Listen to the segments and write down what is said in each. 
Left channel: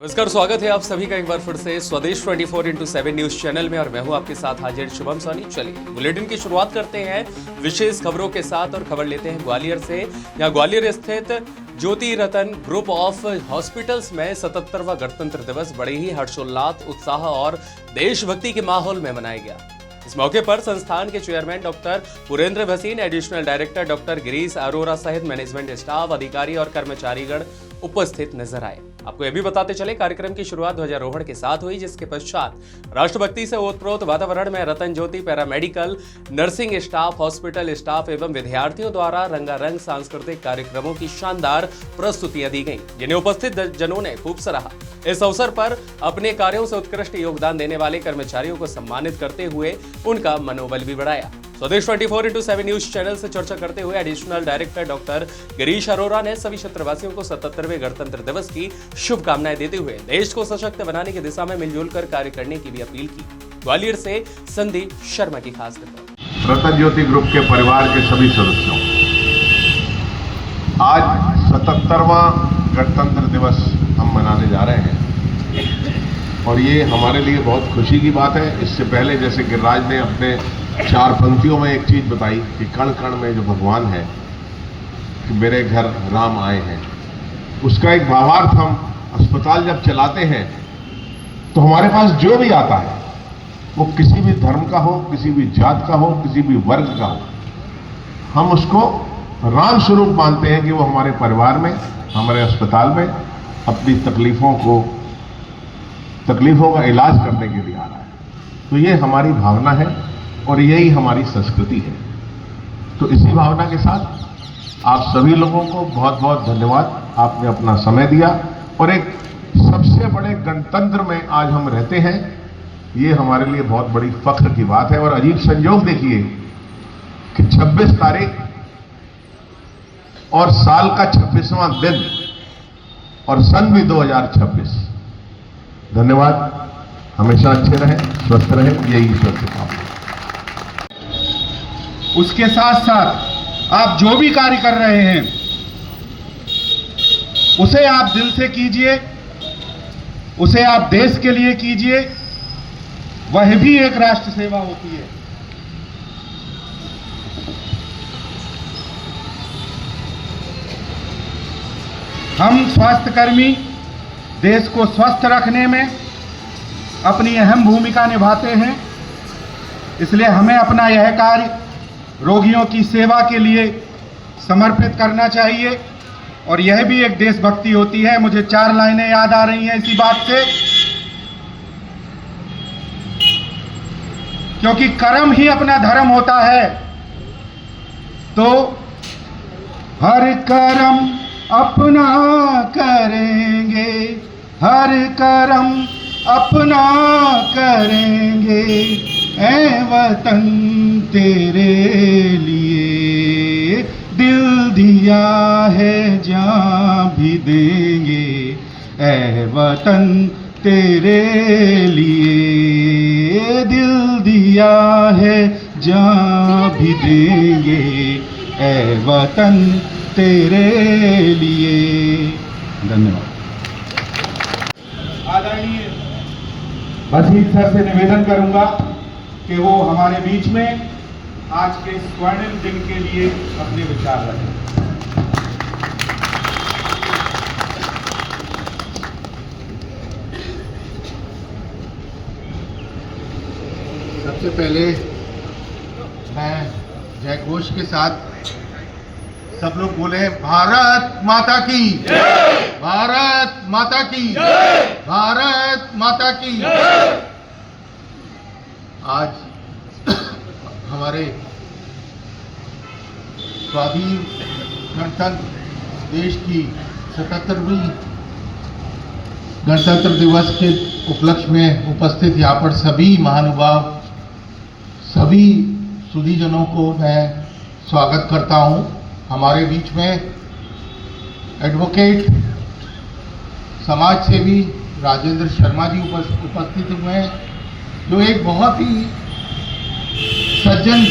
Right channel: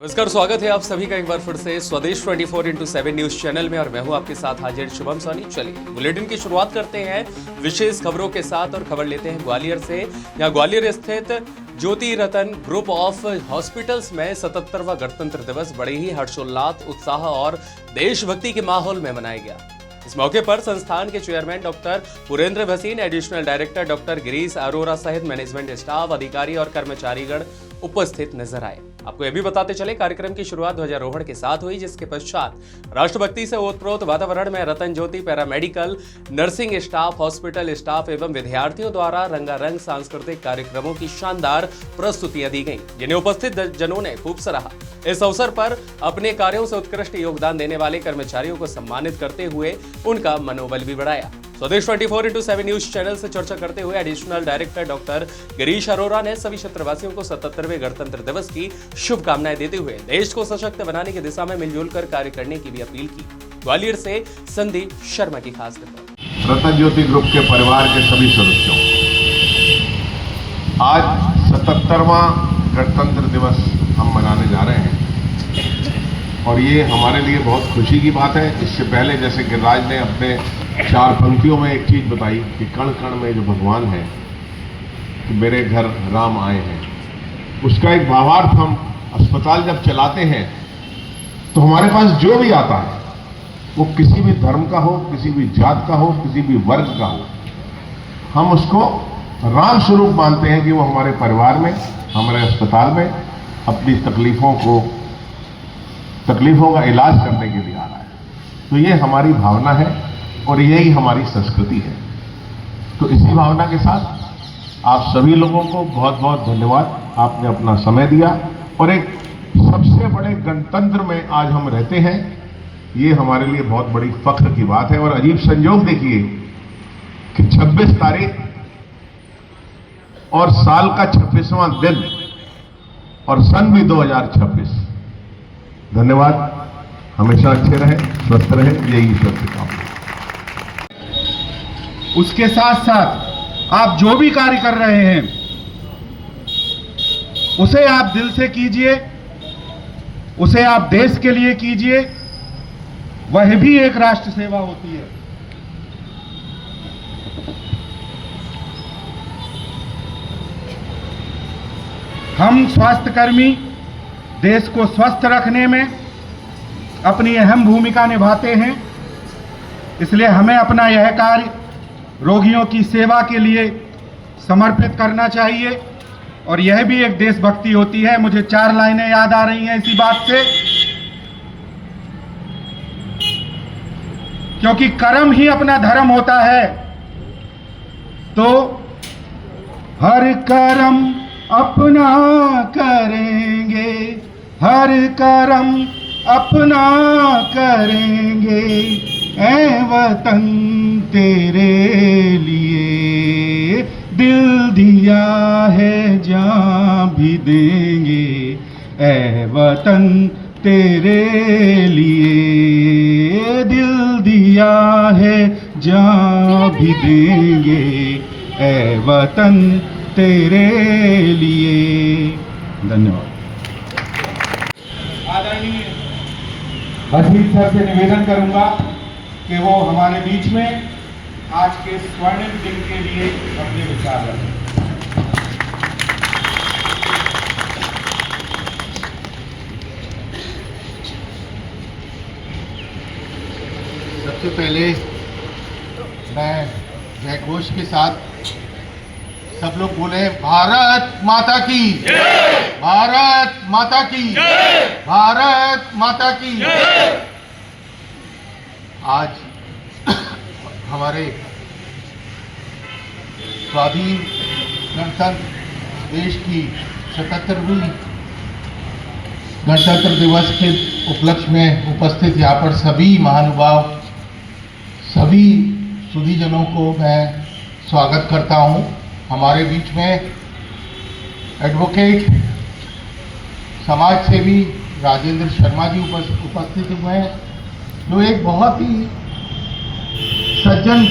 नमस्कार, स्वागत है आप सभी का एक बार फिर से स्वदेश 24x7 न्यूज चैनल में और मैं हूं आपके साथ हाजिर शुभम सोनी। चलिए बुलेटिन की शुरुआत करते हैं विशेष खबरों के साथ और खबर लेते हैं ग्वालियर से। यहाँ ग्वालियर स्थित ज्योति रतन ग्रुप ऑफ हॉस्पिटल्स में 77वां गणतंत्र दिवस बड़े ही हर्षोल्लास, उत्साह और देशभक्ति के माहौल में मनाया गया। इस मौके पर संस्थान के chairman doctor Purendra Bhasin, additional director doctor Girish Arora सहित मैनेजमेंट स्टाफ, अधिकारी और कर्मचारीगण उपस्थित नजर आए। आपको यह भी बताते चले, कार्यक्रम की शुरुआत ध्वजारोहण के साथ हुई, जिसके पश्चात राष्ट्रभक्ति से ओतप्रोत वातावरण में Ratan Jyoti paramedical, nursing staff, hospital staff एवं विद्यार्थियों द्वारा रंगारंग सांस्कृतिक कार्यक्रमों की शानदार प्रस्तुतियां दी गईं, जिन्हें उपस्थित जनों ने खूब सराहा। इस अवसर पर अपने कार्यों से उत्कृष्ट योगदान देने वाले कर्मचारियों को सम्मानित करते हुए उनका मनोबल भी बढ़ाया। स्वदेश 24x7 न्यूज चैनल से चर्चा करते हुए additional director doctor Girish Arora ने सभी क्षेत्रवासियों को 77वें गणतंत्र दिवस की शुभकामनाएं देते हुए देश को सशक्त बनाने की दिशा में मिलजुल कर कार्य करने की भी अपील की। ग्वालियर से संदीप शर्मा की खास रिपोर्ट। रतन ज्योति ग्रुप के परिवार के सभी सदस्यों, आज 77वां गणतंत्र दिवस हम मनाने जा रहे हैं और ये हमारे लिए बहुत खुशी की बात है। इससे पहले जैसे गिरिराज ने अपने 4 पंक्तियों में एक चीज बताई कि कण कण में जो भगवान है, कि मेरे घर राम आए हैं, उसका एक भावार्थ हम अस्पताल जब चलाते हैं तो हमारे पास जो भी आता है वो किसी भी धर्म का हो, किसी भी जात का हो, किसी भी वर्ग का हो, हम उसको राम स्वरूप मानते हैं कि वो हमारे परिवार में, हमारे अस्पताल में अपनी तकलीफों का इलाज करने के लिए आ रहा है। तो ये हमारी भावना है और यही हमारी संस्कृति है। तो इसी भावना के साथ आप सभी लोगों को बहुत बहुत धन्यवाद, आपने अपना समय दिया और एक सबसे बड़े गणतंत्र में आज हम रहते हैं, ये हमारे लिए बहुत बड़ी फख्र की बात है। और अजीब संयोग देखिए कि 26 तारीख और साल का 26वां दिन और सन भी 2026। धन्यवाद, हमेशा अच्छे रहें, स्वस्थ रहें, यही ईश्वर से काम है। उसके साथ साथ आप जो भी कार्य कर रहे हैं उसे आप दिल से कीजिए, उसे आप देश के लिए कीजिए, वह भी एक राष्ट्र सेवा होती है। हम स्वास्थ्यकर्मी देश को स्वस्थ रखने में अपनी अहम भूमिका निभाते हैं, इसलिए हमें अपना यह कार्य रोगियों की सेवा के लिए समर्पित करना चाहिए और यह भी एक देशभक्ति होती है। मुझे 4 लाइनें याद आ रही हैं इसी बात से, क्योंकि कर्म ही अपना धर्म होता है। तो हर कर्म अपना करेंगे, हर कर्म अपना करेंगे, ऐ वतन तेरे लिए दिल दिया है, जान भी देंगे, ऐ वतन तेरे लिए दिल दिया है, जान भी देंगे, ऐ वतन तेरे लिए। धन्यवाद। आदरणीय भसीन सर से निवेदन करूंगा कि वो हमारे बीच में आज के स्वर्णिम दिन के लिए अपने विचार रखें। सबसे पहले मैं जय घोष के साथ सब लोग बोले, भारत माता की जय, भारत माता की जय, भारत माता की जय। आज हमारे स्वाधीन गणतंत्र देश की 77वीं गणतंत्र दिवस के उपलक्ष्य में उपस्थित यहाँ पर सभी महानुभाव, सभी सुधीजनों को मैं स्वागत करता हूँ। हमारे बीच में एडवोकेट समाज सेवी राजेंद्र शर्मा जी उपस्थित हुए हैं, जो एक बहुत ही सज्जन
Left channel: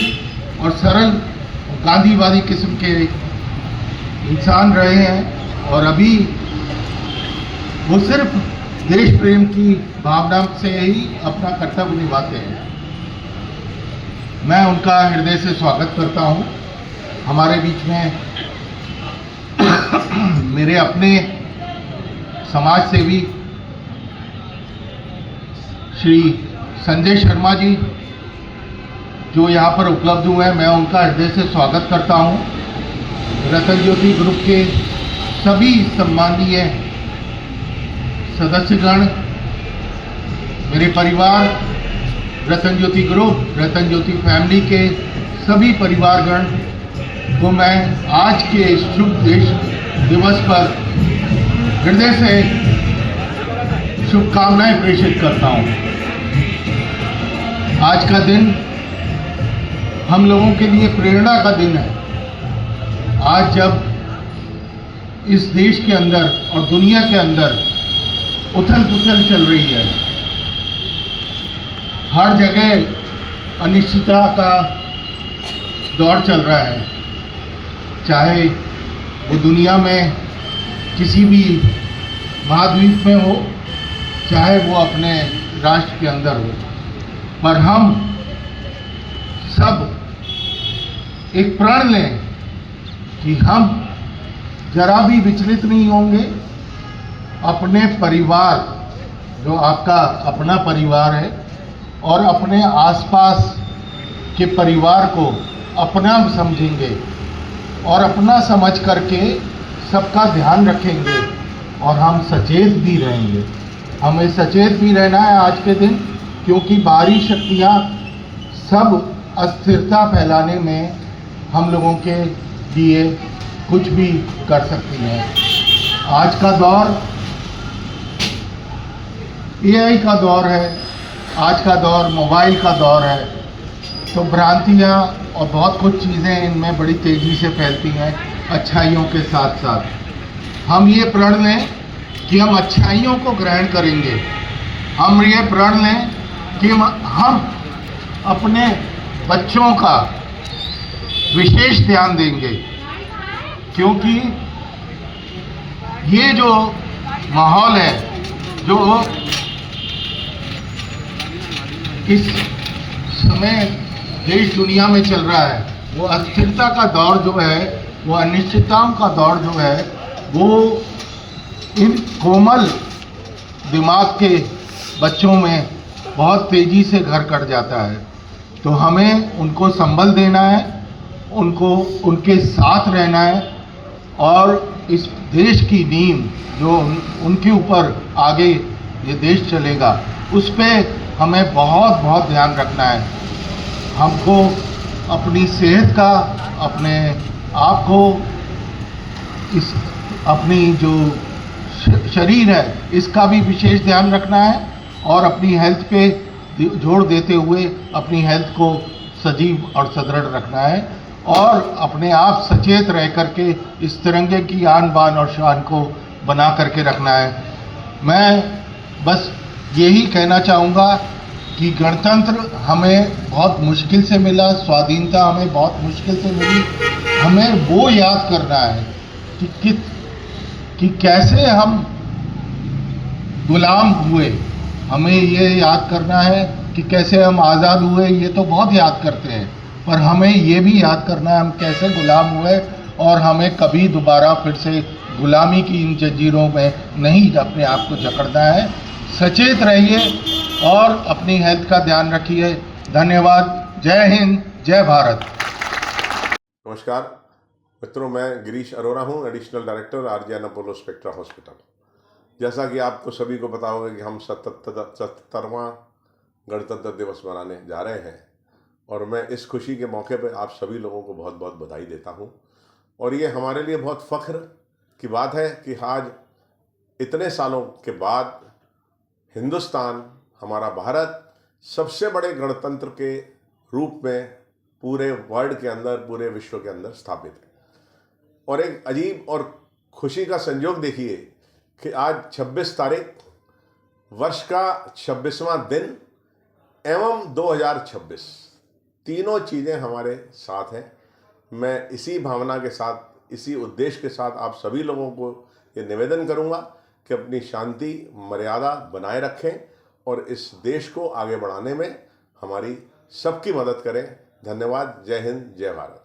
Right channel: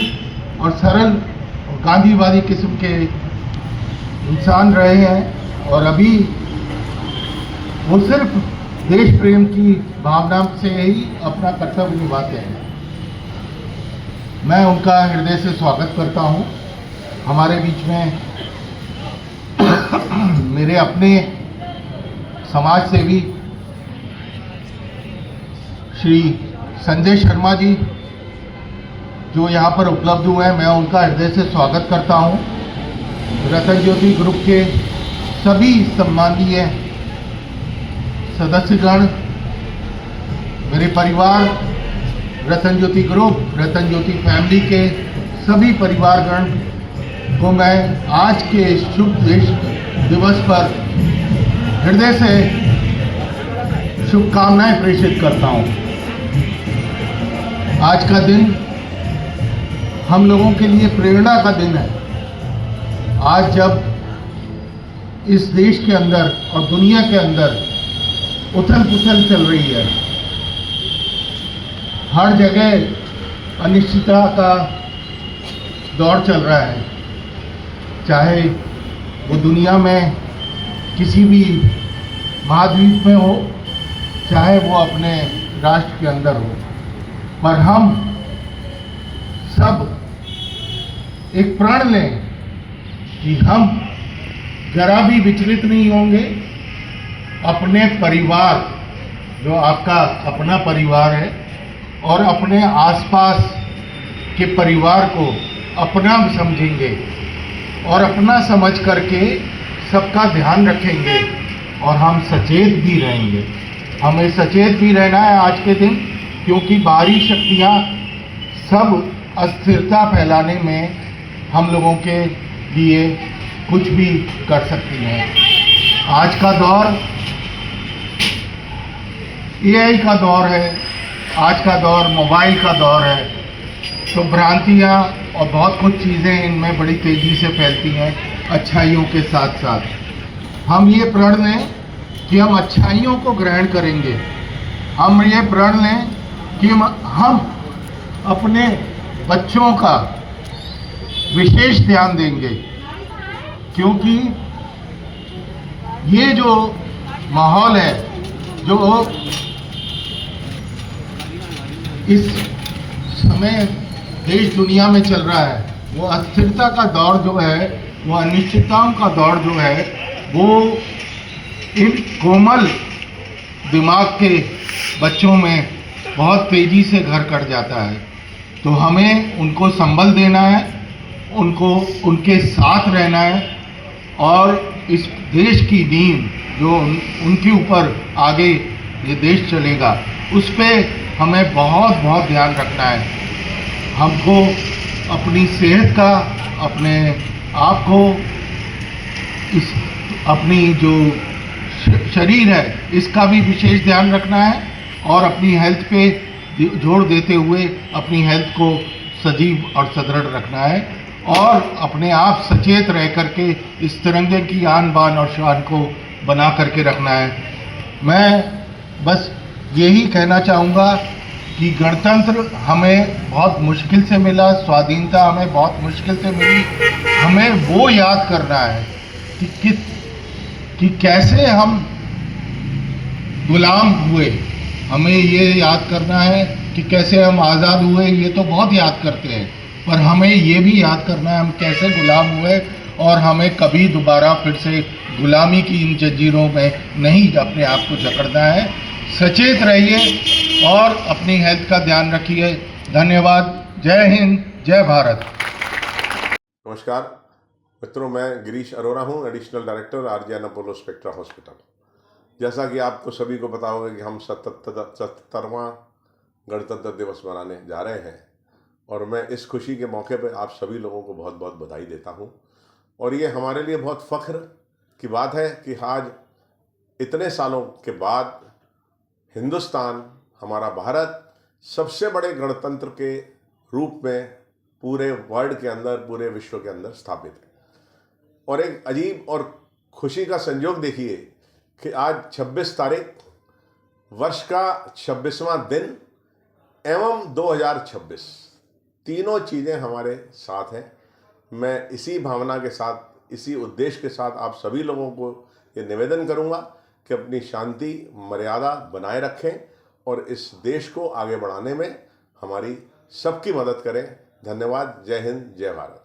और सरल और गांधीवादी किस्म के इंसान रहे हैं और अभी वो सिर्फ देश प्रेम की भावना से ही अपना कर्तव्य निभाते हैं। मैं उनका हृदय से स्वागत करता हूं। हमारे बीच में मेरे अपने समाज सेवी श्री संजय शर्मा जी जो यहाँ पर उपलब्ध हुए हैं, मैं उनका हृदय से स्वागत करता हूँ। रतन ज्योति ग्रुप के सभी सम्माननीय सदस्यगण, मेरे परिवार, रतन ज्योति ग्रुप, रतन ज्योति फैमिली के सभी परिवारगण को मैं आज के शुभ देश दिवस पर हृदय से शुभकामनाएं प्रेषित करता हूँ। आज का दिन हम लोगों के लिए प्रेरणा का दिन है। आज जब इस देश के अंदर और दुनिया के अंदर उथल पुथल चल रही है, हर जगह अनिश्चितता का दौर चल रहा है, चाहे वो दुनिया में किसी भी महाद्वीप में हो, चाहे वो अपने राष्ट्र के अंदर हो, पर हम सब एक प्रण लें कि हम जरा भी विचलित नहीं होंगे। अपने परिवार, जो आपका अपना परिवार है, और अपने आसपास के परिवार को अपना समझेंगे और अपना समझ करके सबका ध्यान रखेंगे और हम सचेत भी रहेंगे। हमें सचेत भी रहना है आज के दिन, क्योंकि बाहरी शक्तियाँ सब अस्थिरता फैलाने में हम लोगों के लिए कुछ भी कर सकती हैं। आज का दौर AI का दौर है, आज का दौर मोबाइल का दौर है, तो भ्रांतियाँ और बहुत कुछ चीज़ें इनमें बड़ी तेज़ी से फैलती हैं अच्छाइयों के साथ साथ। हम ये प्रण लें कि हम अच्छाइयों को ग्रहण करेंगे। हम ये प्रण लें कि हम अपने बच्चों का विशेष ध्यान देंगे, क्योंकि ये जो माहौल है, जो इस समय देश दुनिया में चल रहा है, वो अस्थिरता का दौर जो है, वो अनिश्चितताओं का दौर जो है, वो इन कोमल दिमाग के बच्चों में बहुत तेज़ी से घर कर जाता है। तो हमें उनको संबल देना है, उनको उनके साथ रहना है, और इस देश की नींव जो उनके ऊपर आगे ये देश चलेगा, उस पर हमें बहुत बहुत ध्यान रखना है। हमको अपनी सेहत का, अपने आप को, इस अपनी जो शरीर है इसका भी विशेष ध्यान रखना है, और अपनी हेल्थ पे जोर देते हुए अपनी हेल्थ को सजीव और सदृढ़ रखना है, और अपने आप सचेत रह करके इस तिरंगे की आन बान और शान को बना करके रखना है। मैं बस यही कहना चाहूँगा कि गणतंत्र हमें बहुत मुश्किल से मिला, स्वाधीनता हमें बहुत मुश्किल से मिली। हमें वो याद करना है कि कैसे हम गुलाम हुए। हमें ये याद करना है कि कैसे हम आज़ाद हुए, ये तो बहुत याद करते हैं, पर हमें ये भी याद करना है हम कैसे गुलाम हुए, और हमें कभी दोबारा फिर से गुलामी की इन जंजीरों में नहीं अपने आप को जकड़ना है। सचेत रहिए और अपनी हेल्थ का ध्यान रखिए। धन्यवाद। जय हिंद, जय भारत। नमस्कार मित्रों, मैं गिरीश अरोरा हूँ, additional director RGN Apollo spectra hospital. जैसा कि आपको सभी को पता होगा कि हम 77वां गणतंत्र दिवस मनाने जा रहे हैं, और मैं इस खुशी के मौके पर आप सभी लोगों को बहुत बहुत बधाई देता हूँ। और ये हमारे लिए बहुत फ़ख्र की बात है कि आज इतने सालों के बाद हिंदुस्तान, हमारा भारत सबसे बड़े गणतंत्र के रूप में पूरे वर्ल्ड के अंदर, पूरे विश्व के अंदर स्थापित है। और एक अजीब और खुशी का संयोग देखिए कि आज 26 तारीख, वर्ष का 26वां दिन एवं 2026, तीनों चीज़ें हमारे साथ हैं। मैं इसी भावना के साथ, इसी उद्देश्य के साथ आप सभी लोगों को ये निवेदन करूंगा कि अपनी शांति मर्यादा बनाए रखें और इस देश को आगे बढ़ाने में हमारी सबकी मदद करें। धन्यवाद। जय हिंद, जय भारत।